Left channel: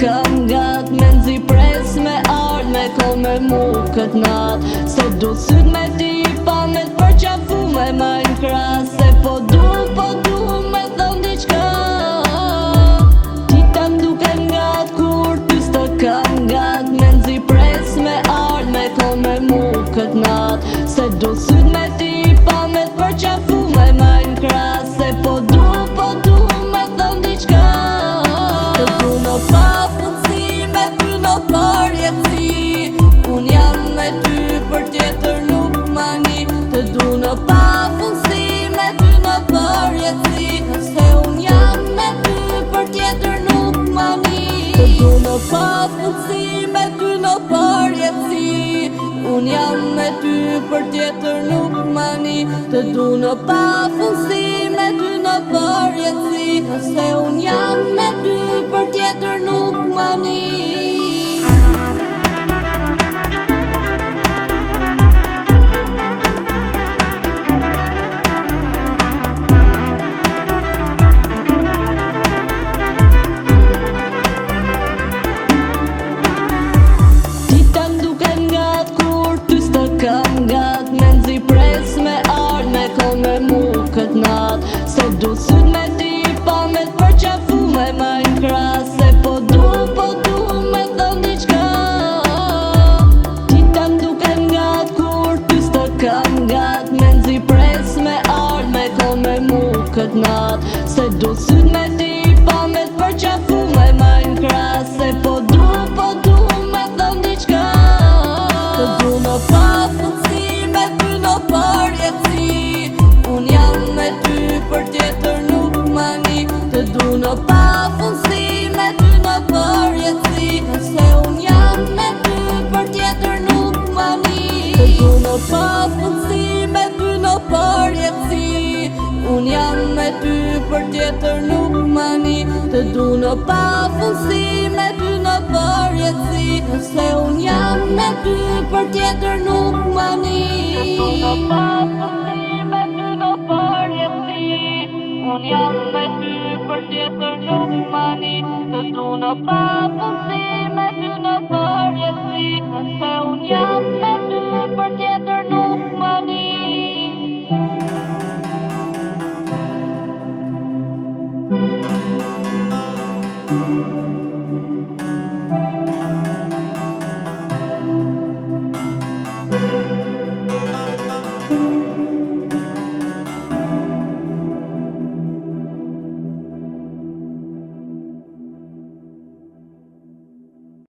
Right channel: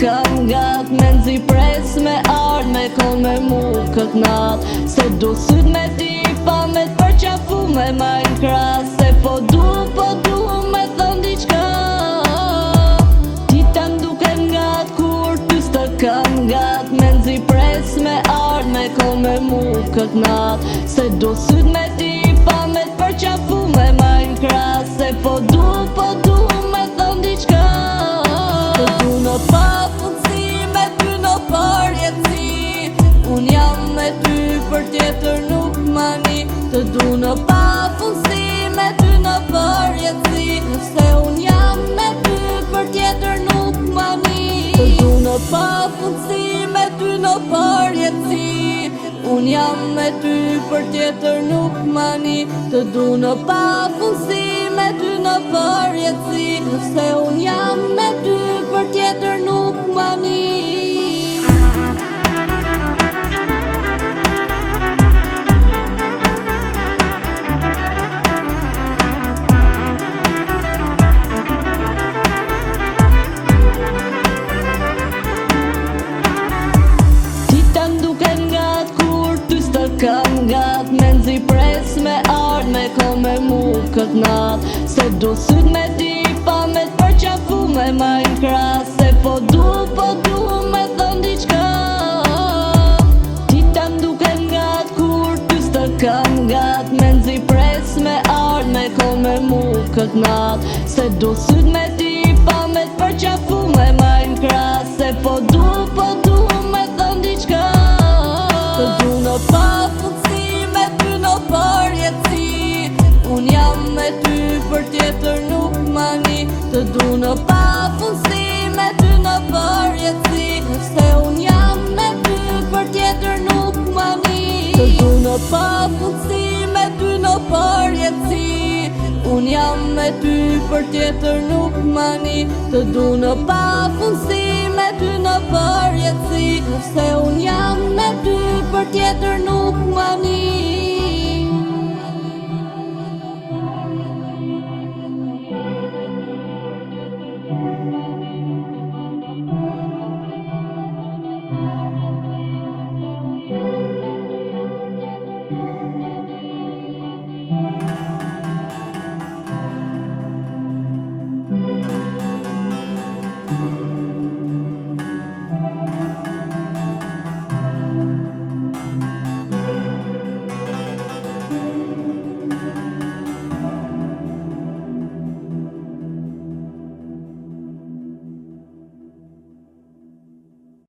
kam gat me nxi pres me ard me kon me mu kët nat. Se du syt me ti pa me t'përqafu me majnë kras. Se po du me thon diqka. Ti ta m'duken gat kur ty s'të kam gat me nxi pres me ard me kon me mu kët nat. Se du syt me ti pa me t'përqafu me majnë kras. Se po du me thon diqka. Të du në pafundsi me ty në përjetësi. Unë jam me ty për tjetër nuk mani. Të du në pafundsi me ty në përjetësi. Se unë jam me ty për tjetër nuk mani. Të du në pafundsi me ty në përjetësi. Unë jam me ty për tjetër nuk mani. Të du në pafundsi me ty në përjetësi. Se unë jam me ty për tjetër nuk mani. Kam gat me nxi pres me ard me kon me mu kët nat. Se du syt me ti pa me t'përqafu me majnë kras. Se po du me thon diqka. Ti ta m'duken gat kur ty s'të kam gat me nxi pres me ard me kon me mu kët nat. Se du syt me ti pa me t'përqafu me majnë kras. Se po du me thon diqka. Të du në pafundsi me ty në përjetësi. Unë jam me ty për tjetër nuk mani. Të du në pafundsi me ty në përjetësi. Se unë jam me ty për tjetër nuk mani. Të du në pafundsi me ty në përjetësi. Unë jam me ty për tjetër nuk mani. Të du në pafundsi me ty në përjetësi. Se unë jam me ty për tjetër nuk mani. Unë jam me ty për tjetër nuk mani. Të du në